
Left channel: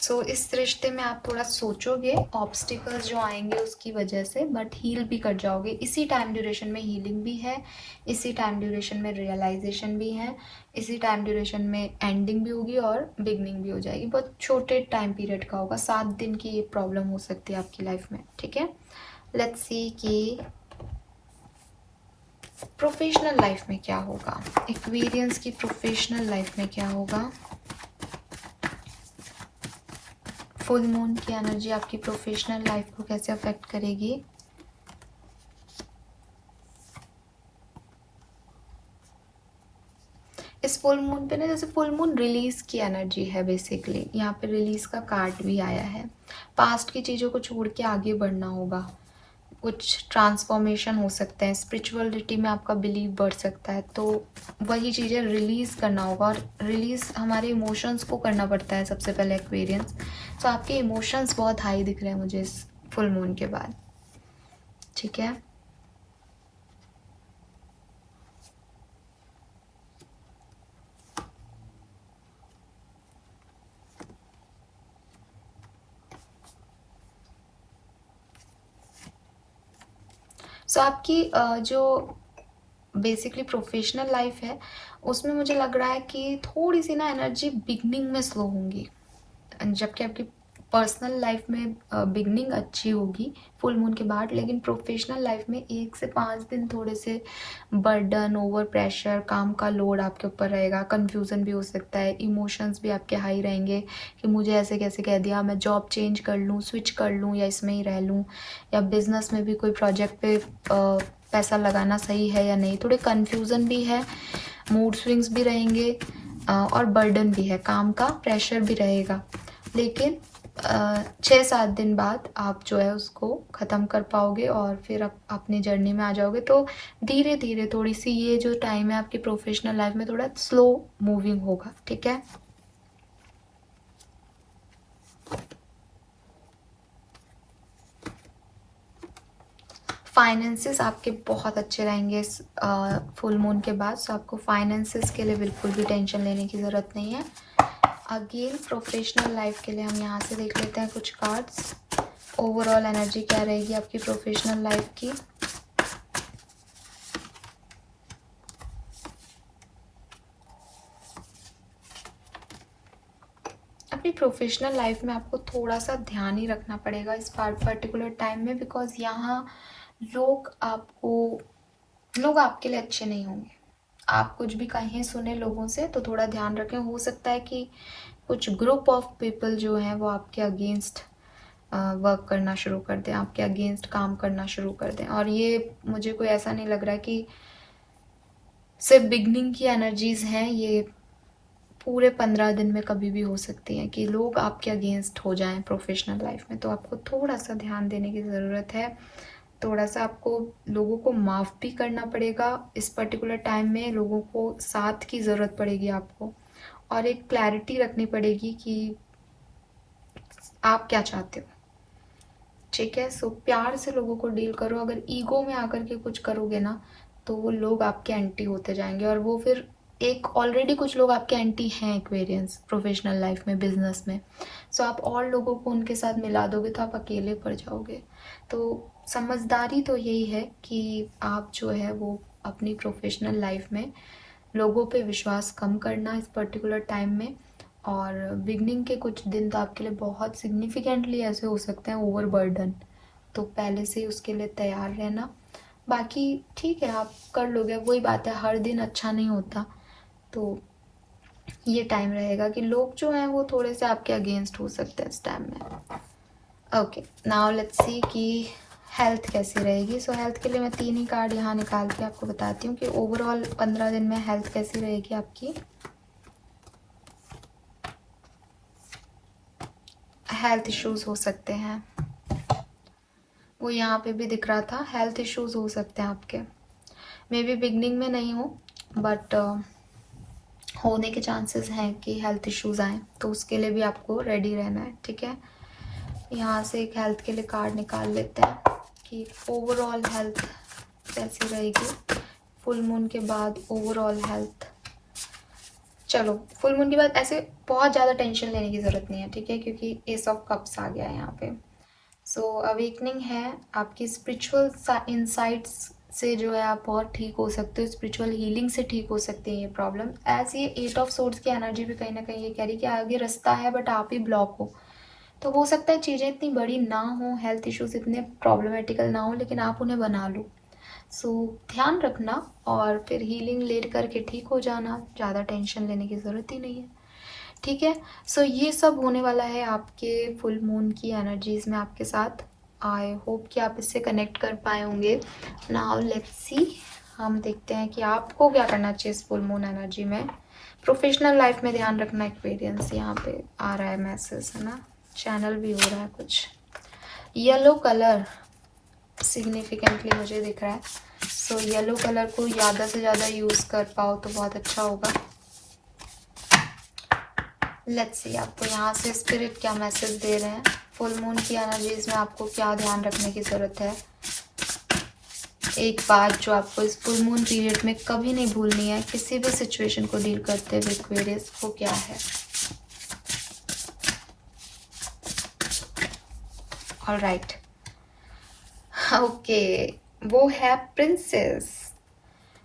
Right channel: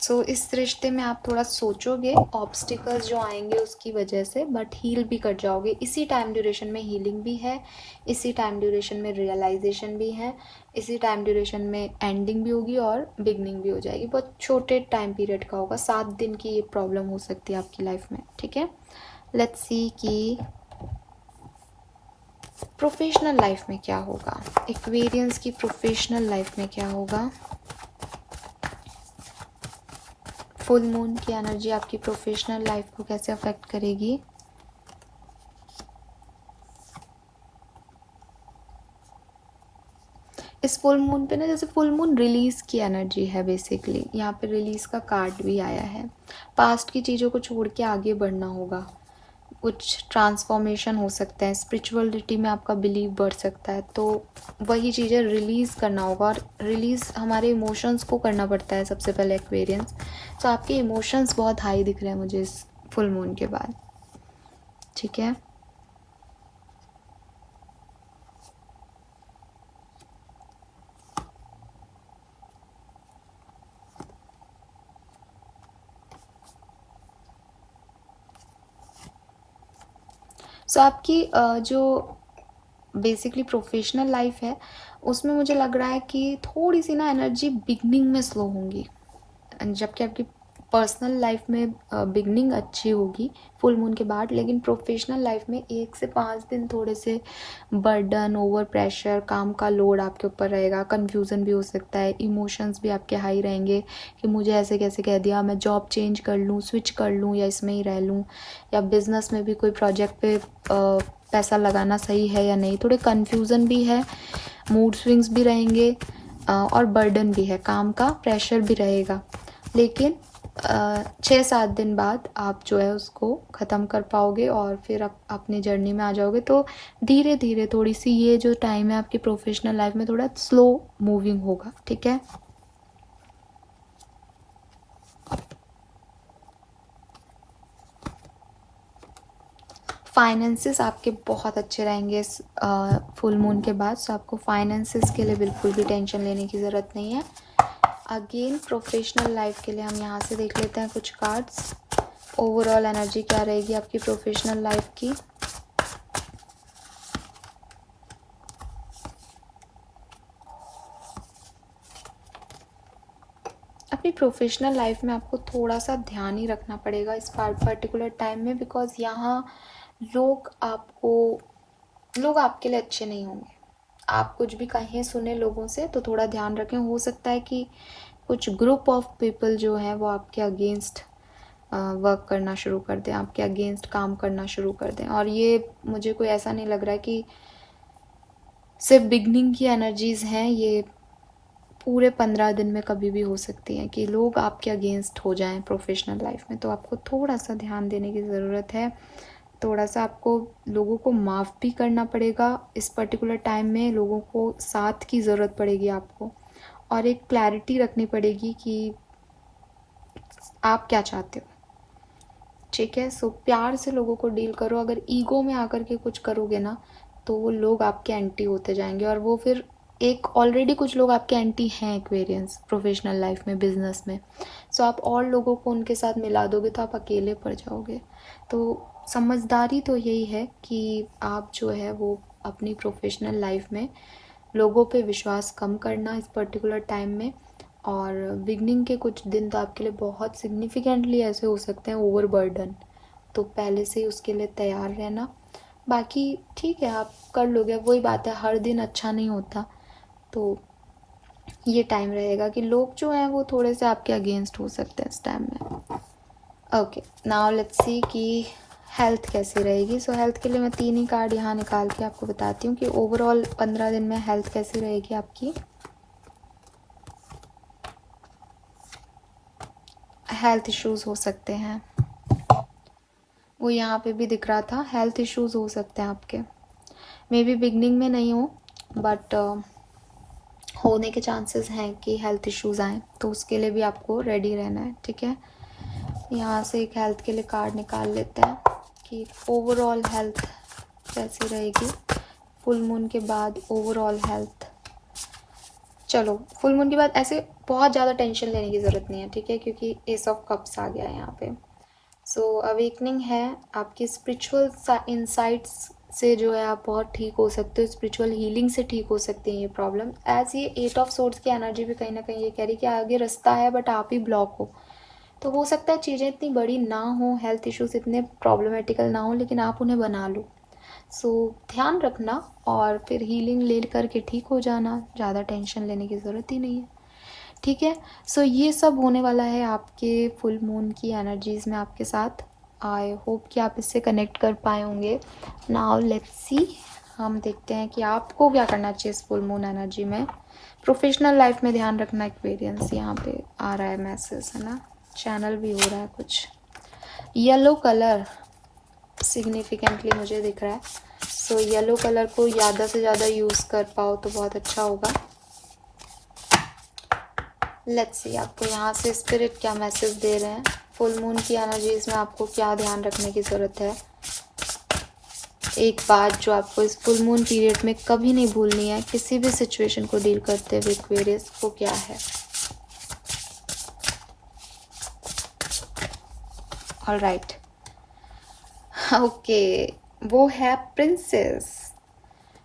सो इस रिश्ते में आप थोड़ा सोचोगे, ऑब्स्टिकल्स जो आएंगे उसकी वजह से, बट हील भी कर जाओगे। इसी टाइम ड्यूरेशन में हीलिंग भी है, इसी टाइम ड्यूरेशन में रियलाइजेशन भी है, इसी टाइम ड्यूरेशन में एंडिंग भी होगी और बिगनिंग भी हो जाएगी। बहुत छोटे टाइम पीरियड का होगा, 7 दिन की ये प्रॉब्लम हो सकती है आपकी लाइफ में। ठीक है, लेट्स सी कि प्रोफेशनल लाइफ में क्या होगा, एक्वेरियंस की प्रोफेशनल लाइफ में क्या होगा। फुल मून की एनर्जी आपकी प्रोफेशनल लाइफ को कैसे अफेक्ट करेगी। इस फुल मून पे ना, जैसे फुल मून रिलीज की एनर्जी है बेसिकली, यहाँ पे रिलीज का कार्ड भी आया है। पास्ट की चीज़ों को छोड़ के आगे बढ़ना होगा, कुछ ट्रांसफॉर्मेशन हो सकता है, स्पिरिचुअलिटी में आपका बिलीव बढ़ सकता है, तो वही चीज़ें रिलीज करना होगा। और रिलीज हमारे इमोशंस को करना पड़ता है सबसे पहले एक्वेरियंस। तो आपके इमोशंस बहुत हाई दिख रहे हैं मुझे इस फुल मून के बाद। ठीक है, सो आपकी जो बेसिकली प्रोफेशनल लाइफ है उसमें मुझे लग रहा है कि थोड़ी सी ना एनर्जी बिगनिंग में स्लो होंगी, जबकि आपकी पर्सनल लाइफ में बिगनिंग अच्छी होगी फुल मून के बाद, लेकिन प्रोफेशनल लाइफ में 1 से 5 दिन थोड़े से बर्डन, ओवर प्रेशर, काम का लोड आपके ऊपर रहेगा, कंफ्यूजन भी हो सकता है, इमोशंस भी आपके हाई रहेंगे कि मुझे ऐसे कैसे कह दिया, मैं जॉब चेंज कर लूँ, स्विच कर लूँ, या इसमें ही रह लूँ, या बिजनेस में भी कोई प्रोजेक्ट पे पैसा लगाना सही है या नहीं, थोड़े कन्फ्यूज़न भी है, मूड स्विंग्स भी रहेंगे, और बर्डन भी है, काम का प्रेशर भी रहेगा। लेकिन 6-7 दिन बाद आप जो है उसको ख़त्म कर पाओगे और फिर आप अपनी जर्नी में आ जाओगे। तो धीरे धीरे थोड़ी सी ये जो टाइम है आपकी प्रोफेशनल लाइफ में थोड़ा स्लो मूविंग होगा। ठीक है, फाइनेंसेस आपके बहुत अच्छे रहेंगे इस फुल मून के बाद, सो आपको फाइनेंसेस के लिए बिल्कुल भी टेंशन लेने की ज़रूरत नहीं है। अगेन प्रोफेशनल लाइफ के लिए हम यहाँ से देख लेते हैं कुछ कार्ड्स। ओवरऑल एनर्जी क्या रहेगी आपकी प्रोफेशनल लाइफ की। अपनी प्रोफेशनल लाइफ में आपको थोड़ा सा ध्यान ही रखना पड़ेगा इस पर्टिकुलर टाइम में, बिकॉज यहाँ लोग आपके लिए अच्छे नहीं होंगे। आप कुछ भी कहें सुने लोगों से तो थोड़ा ध्यान रखें। हो सकता है कि कुछ ग्रुप ऑफ पीपल जो है वो आपके अगेंस्ट वर्क करना शुरू कर दें, आपके अगेंस्ट काम करना शुरू कर दें। और ये मुझे कोई ऐसा नहीं लग रहा है कि सिर्फ बिगनिंग की एनर्जीज हैं, ये पूरे 15 दिन में कभी भी हो सकती हैं कि लोग आपके अगेंस्ट हो जाएं प्रोफेशनल लाइफ में। तो आपको थोड़ा सा ध्यान देने की ज़रूरत है। थोड़ा सा आपको लोगों को माफ़ भी करना पड़ेगा इस पर्टिकुलर टाइम में। लोगों को साथ की ज़रूरत पड़ेगी आपको, और एक क्लैरिटी रखनी पड़ेगी कि आप क्या चाहते हो। ठीक है, सो प्यार से लोगों को डील करो। अगर ईगो में आकर के कुछ करोगे ना तो वो लोग आपके एंटी होते जाएंगे, और वो फिर एक ऑलरेडी कुछ लोग आपके एंटी हैं एक्वेरियंस प्रोफेशनल लाइफ में, बिजनेस में। सो आप और लोगों को उनके साथ मिला दोगे तो आप अकेले पड़ जाओगे। तो समझदारी तो यही है कि आप जो है वो अपनी प्रोफेशनल लाइफ में लोगों पे विश्वास कम करना इस पर्टिकुलर टाइम में। और बिगनिंग के कुछ दिन तो आपके लिए बहुत सिग्निफिकेंटली ऐसे हो सकते हैं ओवरबर्डन, तो पहले से ही उसके लिए तैयार रहना। बाकी ठीक है, आप कर लोगे। वही बात है, हर दिन अच्छा नहीं होता, तो ये टाइम रहेगा कि लोग जो हैं वो थोड़े से आपके अगेंस्ट हो सकते हैं इस टाइम में। ओके, नाउ लेट्स सी कि हेल्थ कैसी रहेगी। सो हेल्थ के लिए मैं 3 ही कार्ड यहाँ निकाल के आपको बताती हूँ कि ओवरऑल 15 दिन में हेल्थ कैसी रहेगी आपकी। हेल्थ इश्यूज हो सकते हैं, वो यहाँ पे भी दिख रहा था। हेल्थ इश्यूज हो सकते हैं आपके, मे बी बिगनिंग में नहीं हो, बट होने के चांसेस हैं कि हेल्थ इश्यूज आए, तो उसके लिए भी आपको रेडी रहना है। ठीक है, यहाँ से एक हेल्थ के लिए कार्ड निकाल लेते हैं कि ओवरऑल हेल्थ कैसी रहेगी फुल मून के बाद। ओवरऑल हेल्थ, चलो फुल मून के बाद ऐसे बहुत ज़्यादा टेंशन लेने की ज़रूरत नहीं है, ठीक है, क्योंकि एस ऑफ कप्स आ गया है यहाँ पे। सो अवेकनिंग है आपकी स्पिरिचुअल इनसाइट्स से जो है आप बहुत ठीक हो सकते हो, स्पिरिचुअल हीलिंग से ठीक हो सकती है ये प्रॉब्लम। एज ये 8 ऑफ सोर्ड्स की एनर्जी भी कहीं ना कहीं ये कह रही है कि आगे रास्ता है बट आप ही ब्लॉक हो। तो हो सकता है चीज़ें इतनी बड़ी ना हो, हेल्थ इश्यूज इतने प्रॉब्लमेटिकल ना हो, लेकिन आप उन्हें बना लो। सो ध्यान रखना और फिर हीलिंग ले करके ठीक हो जाना, ज़्यादा टेंशन लेने की ज़रूरत ही नहीं है। ठीक है, सो ये सब होने वाला है आपके फुल मून की एनर्जीज में आपके साथ। आई होप कि आप इससे कनेक्ट कर पाए होंगे। नाउ लेट्स सी, हम देखते हैं कि आपको क्या करना चाहिए इस फुल मून एनर्जी में। प्रोफेशनल लाइफ में ध्यान रखना एक्वेरियंस, यहाँ पे आ रहा है मैसेज, है ना, चैनल भी हो रहा है कुछ। येलो कलर सिग्निफिकेंटली मुझे दिख रहा है, सो येलो कलर को ज़्यादा से ज़्यादा यूज़ कर पाओ तो बहुत अच्छा होगा। लेट्स सी आपको यहाँ से स्पिरिट क्या मैसेज दे रहे हैं। फुल मून की एनर्जीज में आपको क्या ध्यान रखने की ज़रूरत है। एक बात जो आपको इस फुल मून पीरियड में कभी नहीं भूलनी है किसी भी सिचुएशन को डील करते हुए एक्वेरियस, वो क्या है। ऑलराइट, ओके, वो है प्रिंसेस।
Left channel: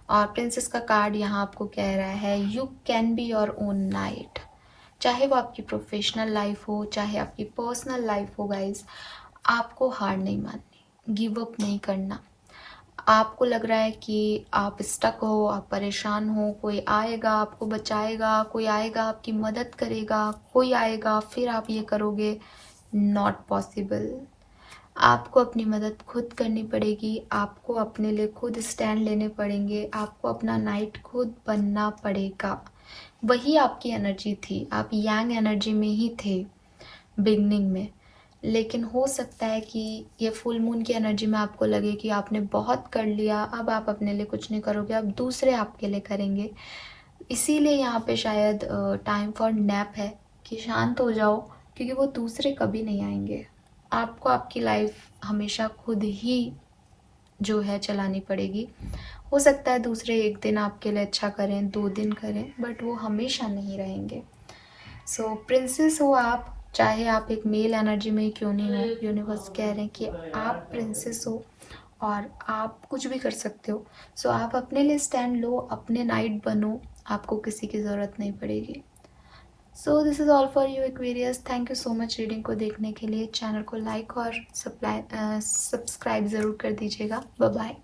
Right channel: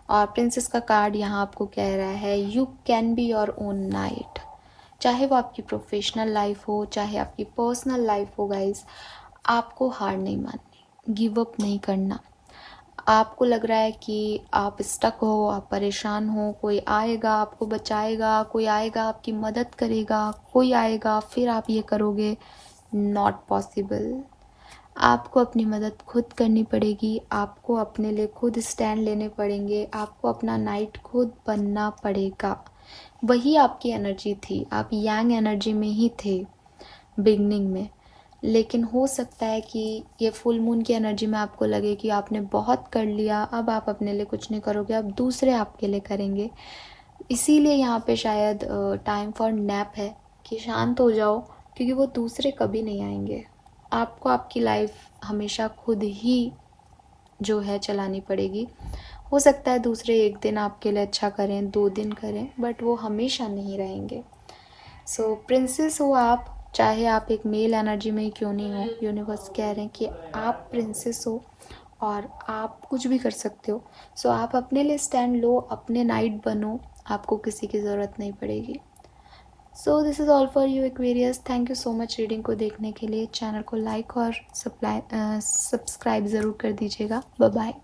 और प्रिंसेस का कार्ड यहाँ आपको कह रहा है you can be your own night. चाहे वो आपकी प्रोफेशनल लाइफ हो, चाहे आपकी पर्सनल लाइफ हो गाइस, आपको हार नहीं माननी, गिव अप नहीं करना। आपको लग रहा है कि आप स्टक हो, आप परेशान हो, कोई आएगा आपको बचाएगा, कोई आएगा आपकी मदद करेगा, कोई आएगा फिर आप ये करोगे, नॉट पॉसिबल। आपको अपनी मदद खुद करनी पड़ेगी, आपको अपने लिए खुद स्टैंड लेने पड़ेंगे, आपको अपना नाइट खुद बनना पड़ेगा। वही आपकी एनर्जी थी, आप यांग एनर्जी में ही थे बिगनिंग में, लेकिन हो सकता है कि ये फुल मून की एनर्जी में आपको लगे कि आपने बहुत कर लिया, अब आप अपने लिए कुछ नहीं करोगे, अब दूसरे आपके लिए करेंगे। इसीलिए यहाँ पे शायद टाइम फॉर नैप है कि शांत हो जाओ, क्योंकि वो दूसरे कभी नहीं आएंगे। आपको आपकी लाइफ हमेशा खुद ही जो है चलानी पड़ेगी। हो सकता है दूसरे एक दिन आपके लिए अच्छा करें, 2 दिन करें, बट वो हमेशा नहीं रहेंगे। सो प्रिंसेस हो आप, चाहे आप एक मेल एनर्जी में ही क्यों नहीं हो, यूनिवर्स कह रहे हैं कि आप प्रिंसेस हो और आप कुछ भी कर सकते हो। सो आप अपने लिए स्टैंड लो, अपने नाइट बनो, आपको किसी की ज़रूरत नहीं पड़ेगी। So this is all for you Aquarius. Thank you so much reading को देखने के लिए। चैनल को लाइक और सब्सक्राइब ज़रूर कर दीजिएगा। Bye bye.